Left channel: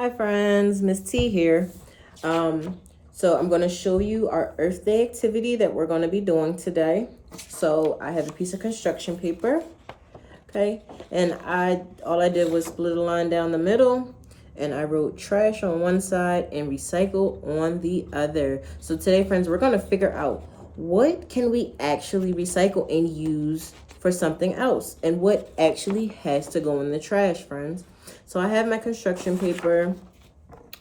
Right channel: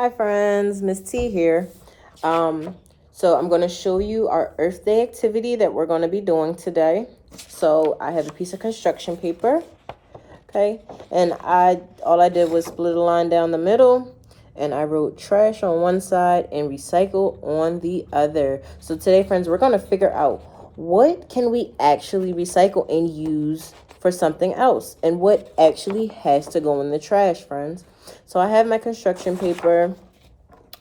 Hi friends, Miss T here. So I'm going to show you our Earth Day activity that we're going to be doing today. So I have a piece of construction paper, okay? And all I did was split a line down the middle, and I wrote trash on one side and recycle on the other. So today, friends, we're going to figure out what can we actually recycle and use for something else, and what actually has to go in the trash, friends. So I have my construction paper.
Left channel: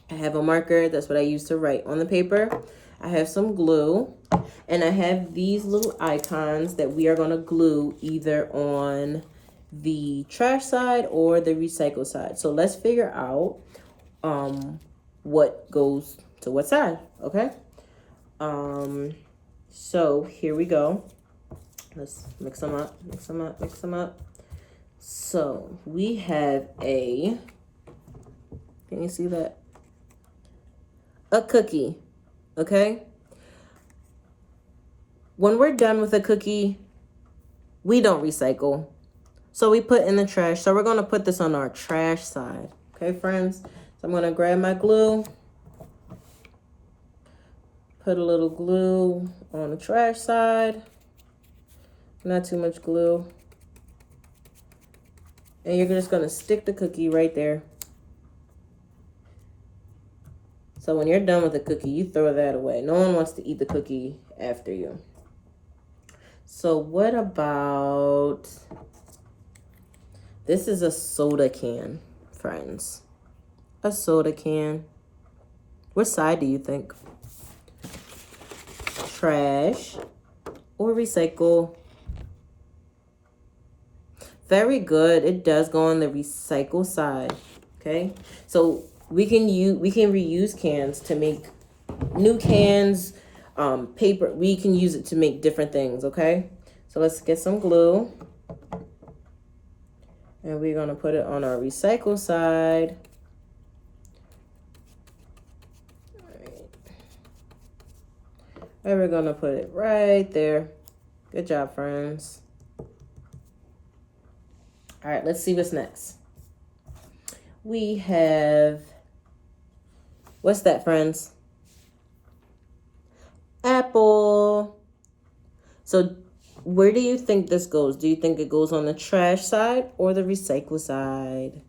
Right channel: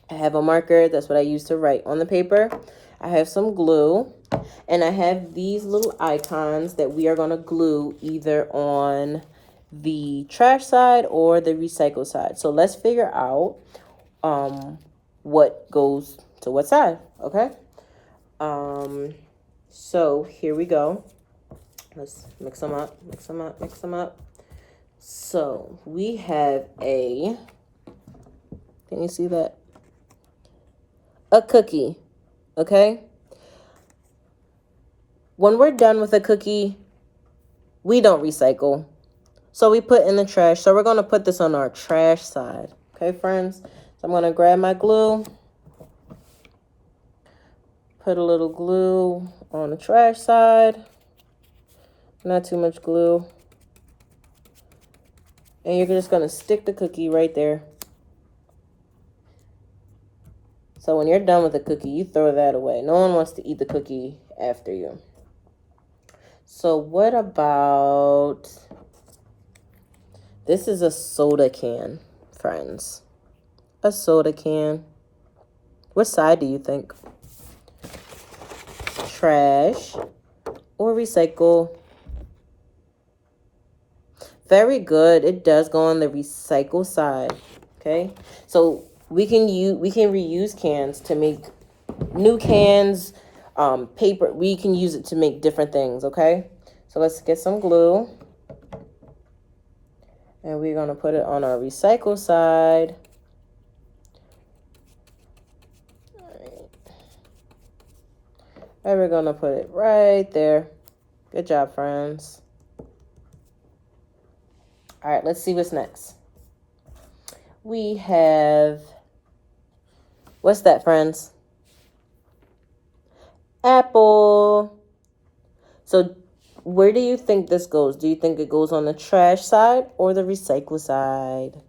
I have a marker. That's what I use to write on the paper. I have some glue, and I have these little icons that we are going to glue either on the trash side or the recycle side. So let's figure out what goes to what side, okay? So here we go. Let's mix them up, mix them up, mix them up. So we have can you see that? A cookie, okay? When we're done with a cookie, we don't recycle. So we put in the trash. So we're going to put this on our trash side, okay, friends? So I'm going to grab my glue, put a little glue on the trash side, not too much glue. And you're just going to stick the cookie right there. So when you're done with the cookie, you throw that away. No one wants to eat the cookie after you. So what about, this is a soda can, friends. A soda can. What side do you think? Trash or recycle? Very good. It does go on the recycle side. Okay, so we can reuse cans to make new cans, paper. We can use it to make different things. Okay, so let's get some glue, and we're gonna put it on our recycle side. And we're gonna put it right there. Good job, friends. All right, let's see what's next. We have, what's that, friends? Apple. So where do you think this goes? Do you think it goes on the trash side or the recycle side?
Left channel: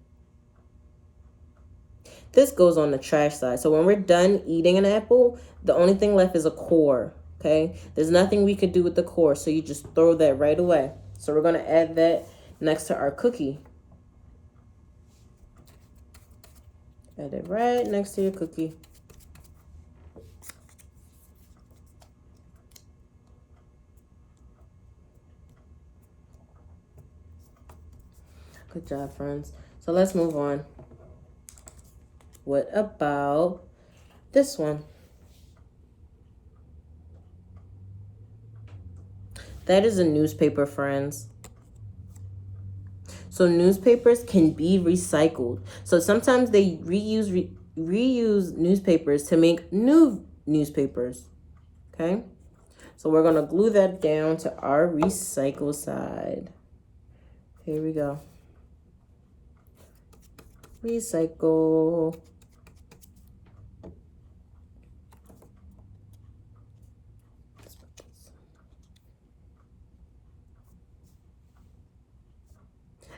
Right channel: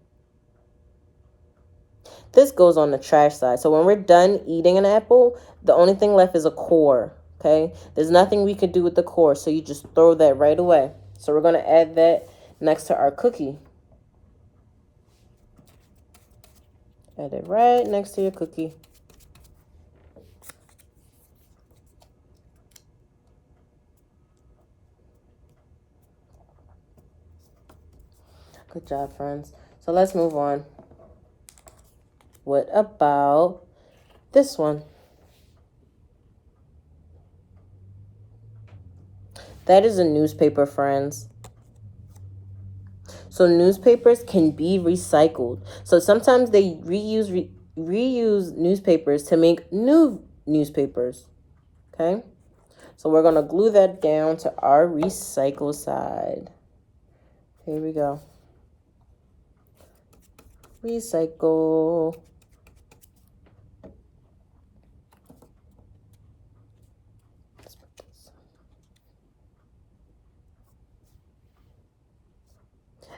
This goes on the trash side. So when we're done eating an apple, the only thing left is a core, okay? There's nothing we could do with the core, so you just throw that right away. So we're going to add that next to our cookie. Add it right next to your cookie. Good job, friends. So let's move on. What about this one? That is a newspaper, friends. So newspapers can be recycled. So sometimes they reuse newspapers to make new newspapers. Okay? So we're going to glue that down to our recycle side. Here we go. Recycle.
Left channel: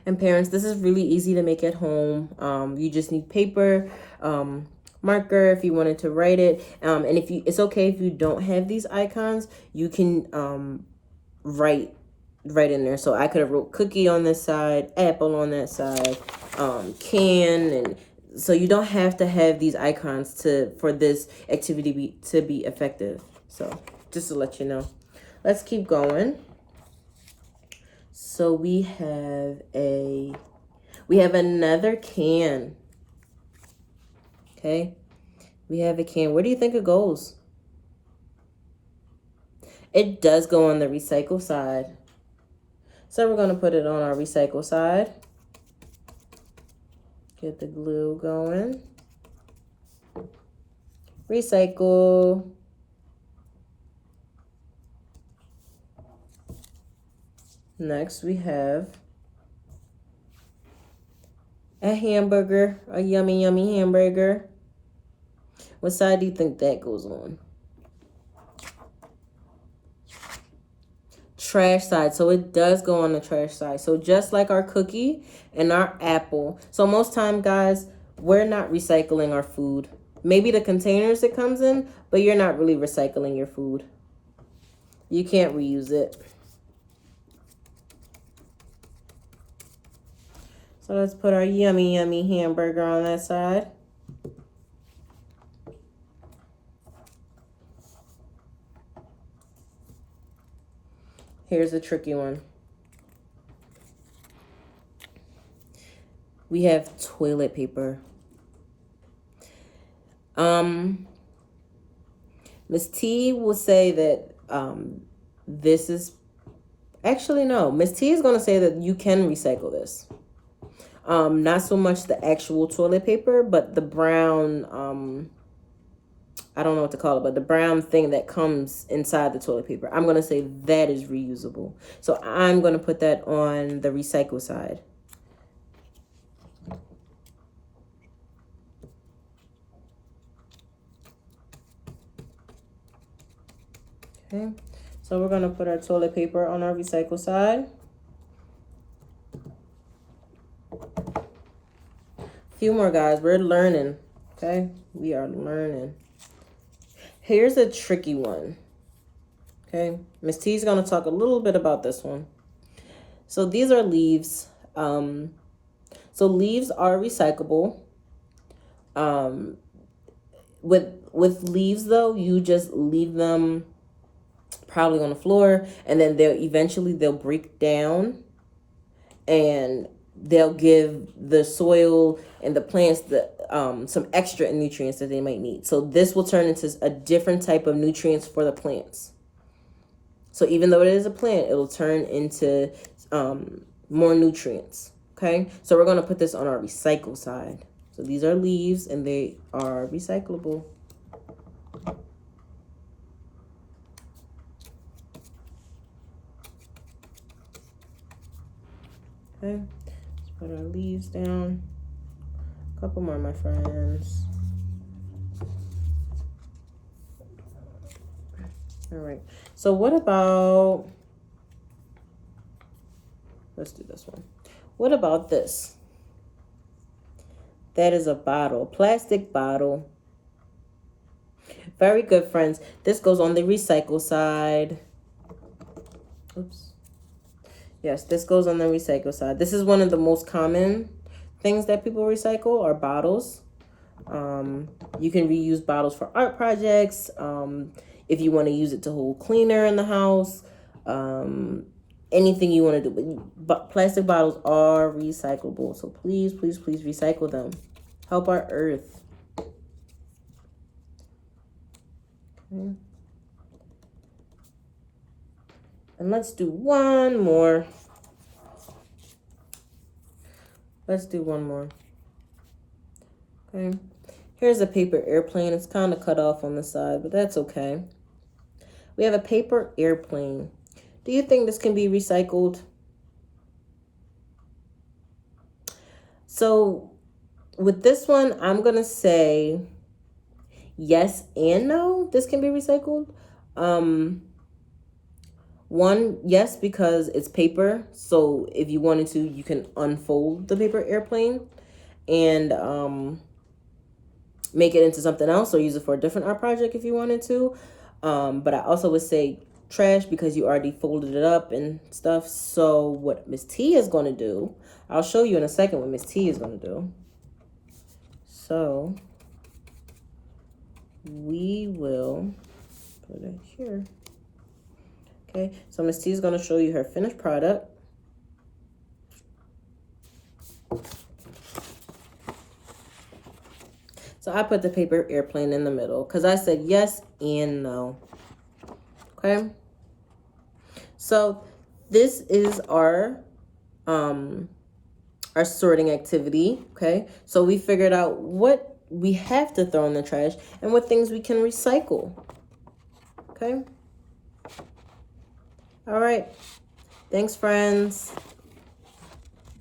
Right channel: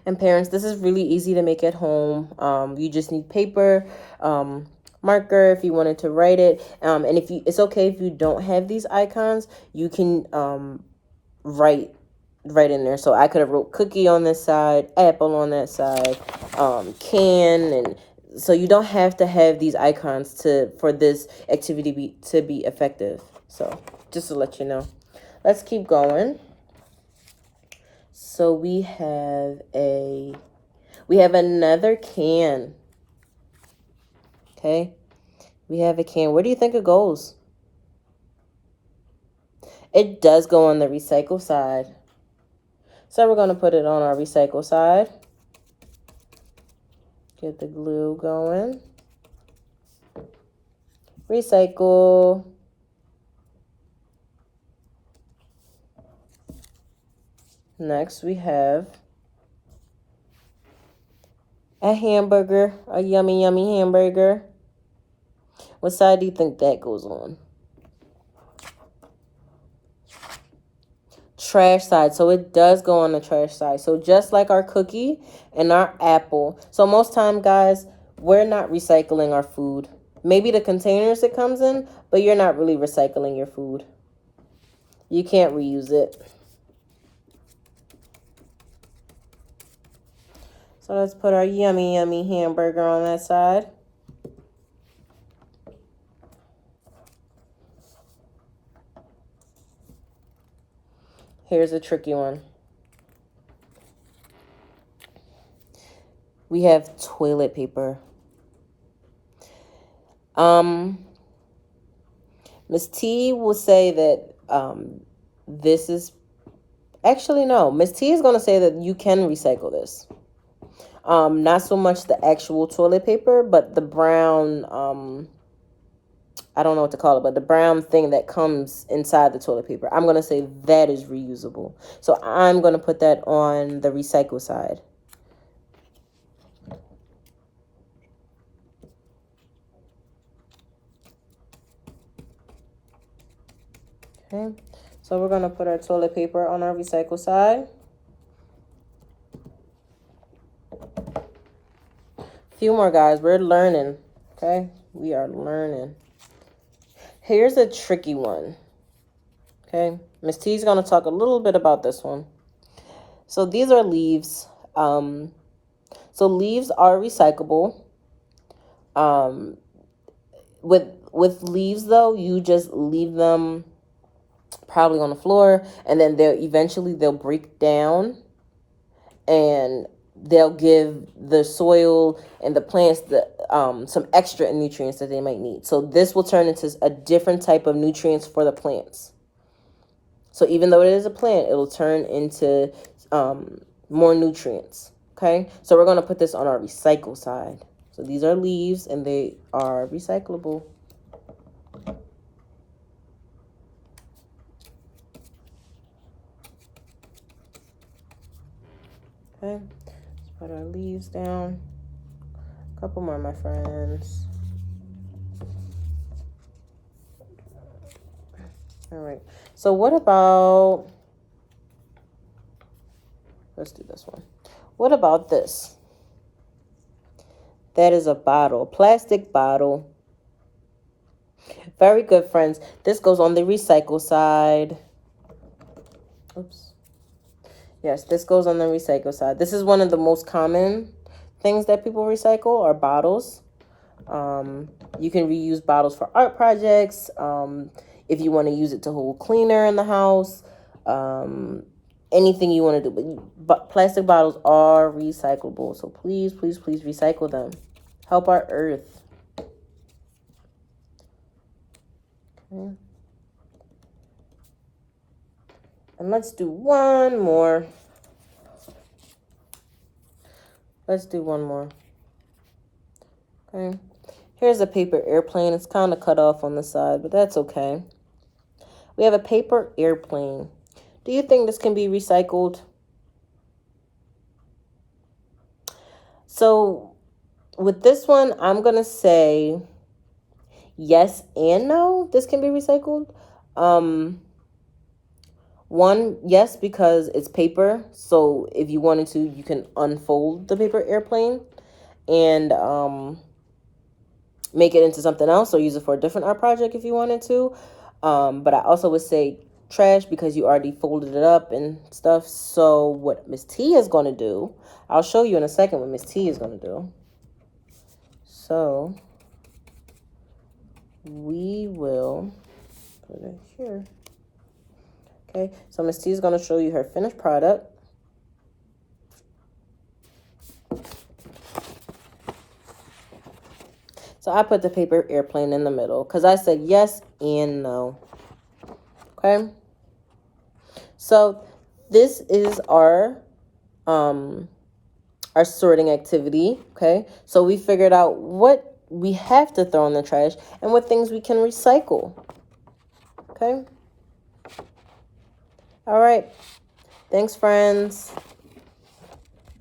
And parents, this is really easy to make at home. You just need paper, marker if you wanted to write it. And it's okay if you don't have these icons, you can write in there. So I could have wrote cookie on this side, apple on that side, can, and so you don't have to have these icons for this activity to be effective. So just to let you know. Let's keep going. So we have another can. Okay? We have a can. Where do you think it goes? It does go on the recycle side. So we're going to put it on our recycle side. Get the glue going. Recycle. Next we have A hamburger, a yummy, yummy hamburger. What side do you think that goes on? Trash side. So it does go on the trash side. So just like our cookie and our apple. So most time, guys, we're not recycling our food. Maybe the containers it comes in, but you're not really recycling your food. You can't reuse it. So let's put our yummy, yummy hamburger on that side. Here's a tricky one. We have toilet paper. Miss T will say that this is... Actually, no. Miss T is going to say that you can recycle this. Not so much the actual toilet paper, but the brown, I don't know what to call it, but the brown thing that comes inside the toilet paper. I'm going to say that is reusable. So I'm going to put that on the recycle side. Okay, so we're going to put our toilet paper on our recycle side. Few more, guys. We're learning. Okay, we are learning. Here's a tricky one. Okay, Miss T is going to talk a little bit about this one. So these are leaves. So leaves are recyclable. With leaves though, you just leave them probably on the floor, and then they'll break down, and they'll give the soil and the plants some extra nutrients that they might need. So this will turn into a different type of nutrients for the plants. So even though it is a plant, it'll turn into more nutrients. Okay, so we're going to put this on our recycle side. So these are leaves, and they are recyclable. Okay, let's put our leaves down. A couple more, my friends. All right, so what about, let's do this one. What about this? That is a bottle, plastic bottle. Very good, friends. This goes on the recycle side. Oops. Yes, this goes on the recycle side. This is one of the most common things that people recycle are bottles. You can reuse bottles for art projects. If you want to use it to hold cleaner in the house. Anything you want to do. But plastic bottles are recyclable. So please, please, please recycle them. Help our earth. Okay. And let's do one more. Let's do one more. Okay. Here's a paper airplane. It's kind of cut off on the side, but that's okay. We have a paper airplane. Do you think this can be recycled? So with this one, I'm going to say yes and no. This can be recycled. One, yes, because it's paper. So if you wanted to, you can unfold the paper airplane and make it into something else or use it for a different art project if you wanted to. But I also would say trash because you already folded it up and stuff. So what Miss T is going to do, I'll show you in a second what Miss T is going to do. So we will put it here. Okay, so Miss T is going to show you her finished product. So I put the paper airplane in the middle because I said yes and no. Okay. So this is our sorting activity. Okay. So we figured out what we have to throw in the trash and what things we can recycle. Okay. All right. Thanks, friends.